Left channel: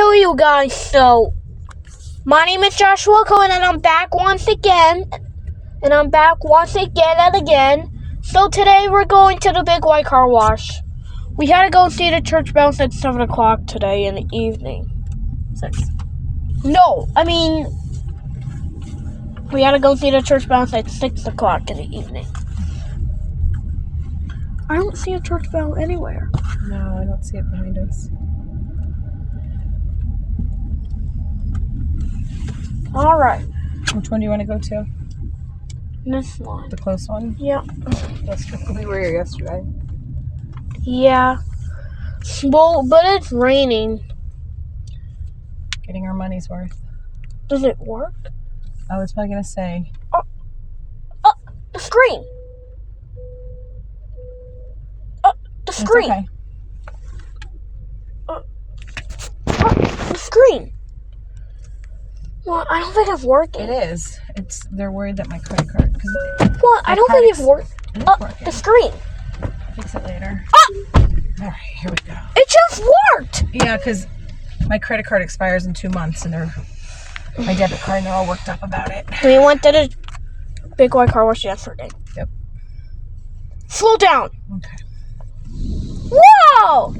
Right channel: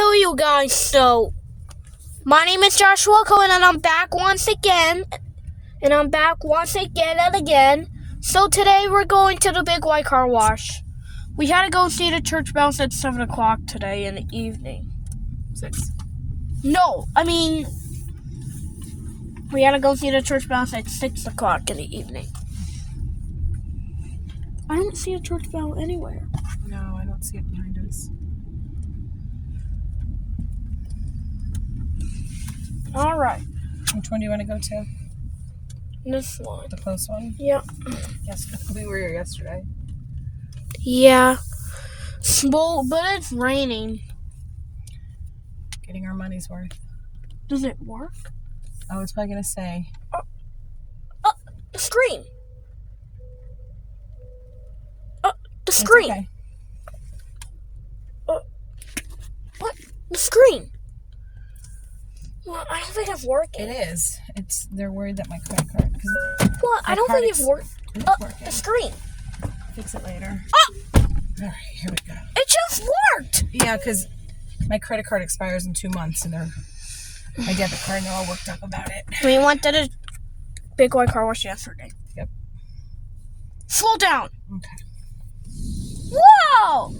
Hello, you guys. So, my name is Joshua Cohen, and I'm back once again. So, today we're going to the Big White Car Wash. We had to go see the church bells at 7 o'clock today in the evening. 6. No, I mean, we had to go see the church bells at 6 o'clock in the evening. I don't see a church bell anywhere. No, I don't see it behind us. All right. Which one do you want to go to? This one. The close one? Yeah. Yes, we were here yesterday. Yeah. Well, but it's raining. Getting our money's worth. Does it work? I was probably going to say. The screen. The screen. It's okay. The screen. Well, I don't think it's working. It is. They're worried that my credit card. Well, I don't think it's working. It is working. The screen. Fix it later. All right, here we go. It just worked. Yeah, because my credit card expires in 2 months, and my debit card, and they're all worked up about it. We went to the Big White Car Wash yesterday. Yep. Slow down. Okay. Wow!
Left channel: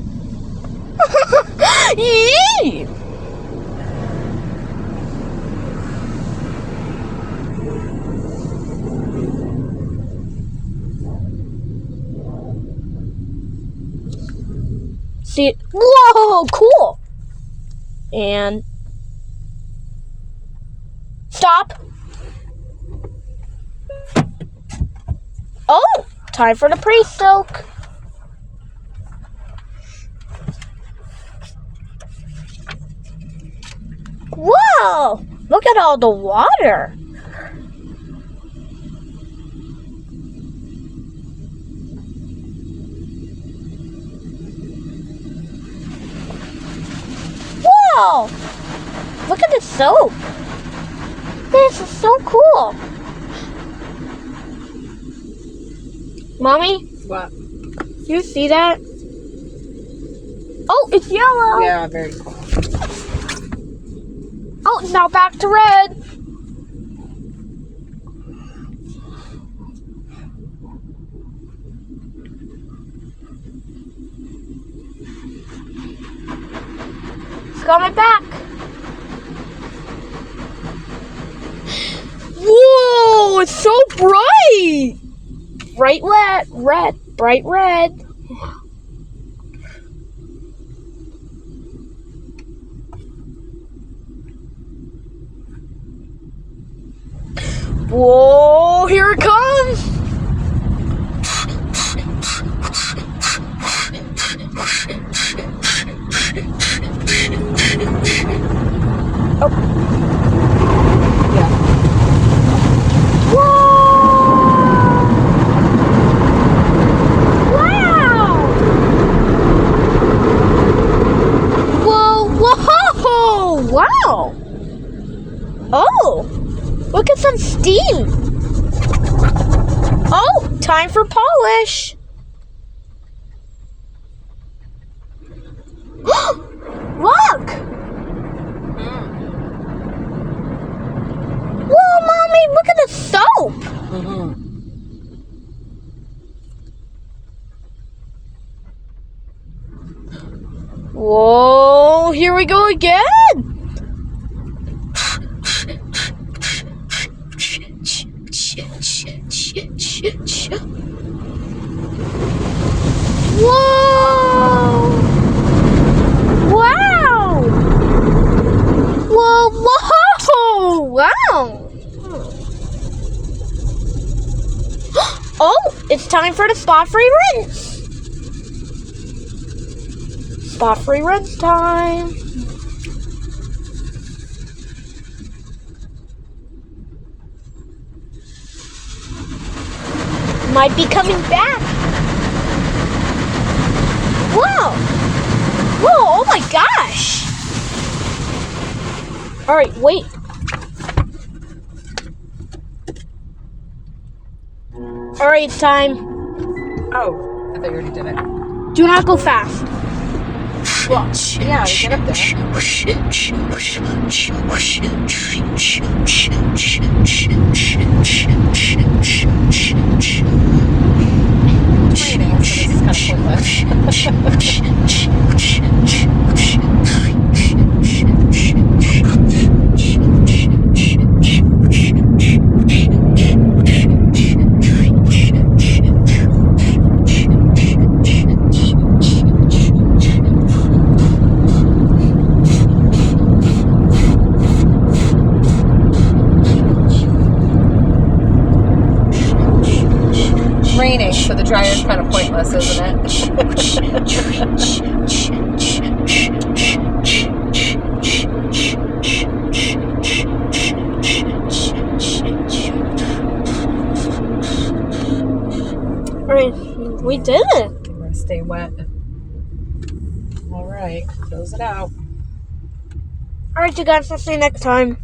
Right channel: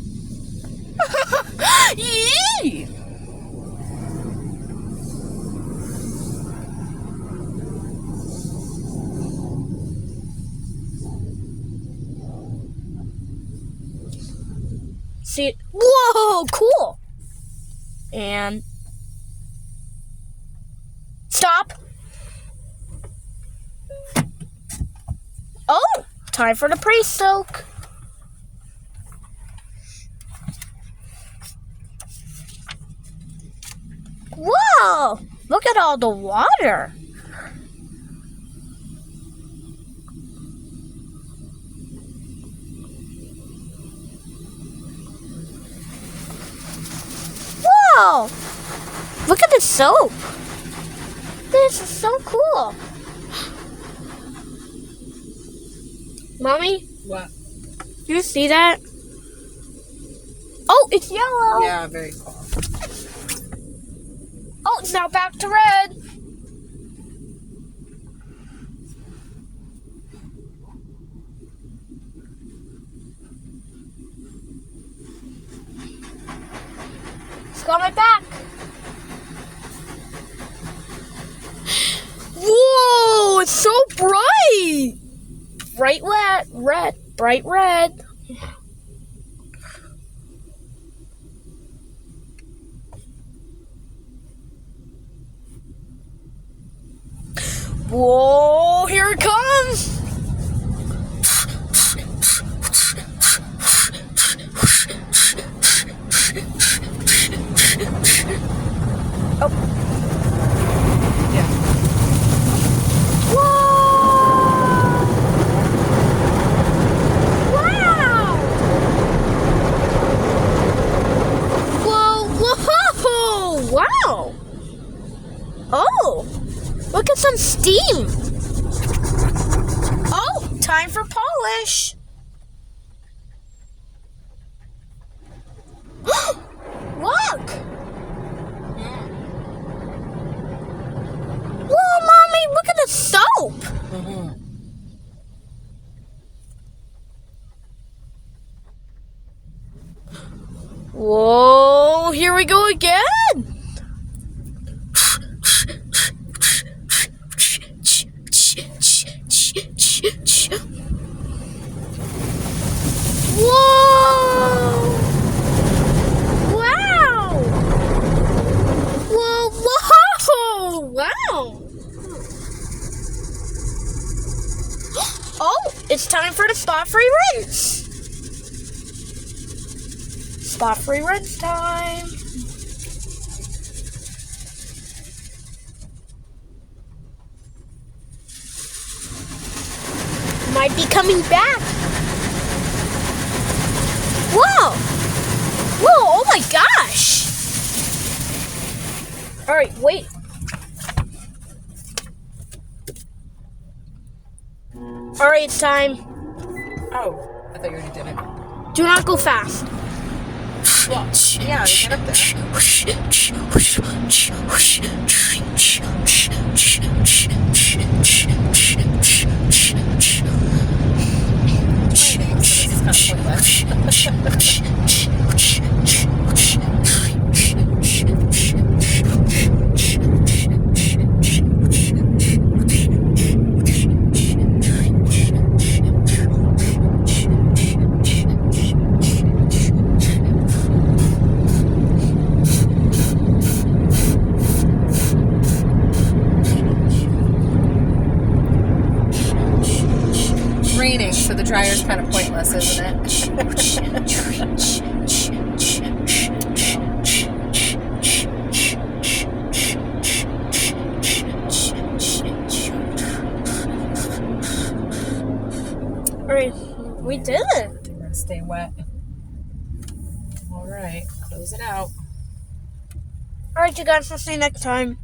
Yee! See, whoa, cool. And stop. Oh, time for the pre-soak. Whoa, look at all the water. Whoa! Look at the soap. This is so cool. Mommy? What? Do you see that? Oh, it's yellow. Yeah, very cool. Oh, it's now back to red. It's coming back. Whoa, it's so bright. Bright red, bright red. Whoa, here it comes. Oh. Yeah. Wow! Oh, look at some steam. Oh, time for polish. Look. Whoa, Mommy, look at the soap. Mm-hmm. Whoa, here we go again. Whoa! Wow! Whoa! Whoa! Wow! Oh, it's time for the spot-free rinse. Spot-free rinse time. Might be coming back. Whoa! Whoa, oh my gosh! Alright, wait. Alright, it's time. Oh, I thought you already did it. Do not go fast. Well, yeah, get up there. Raining, so this is kind of pointless. Raining, so the dryer's kind of pointless, isn't it? Alright, we did it. We're gonna stay wet. All right, close it out. Alright, you guys, I'll see you next time.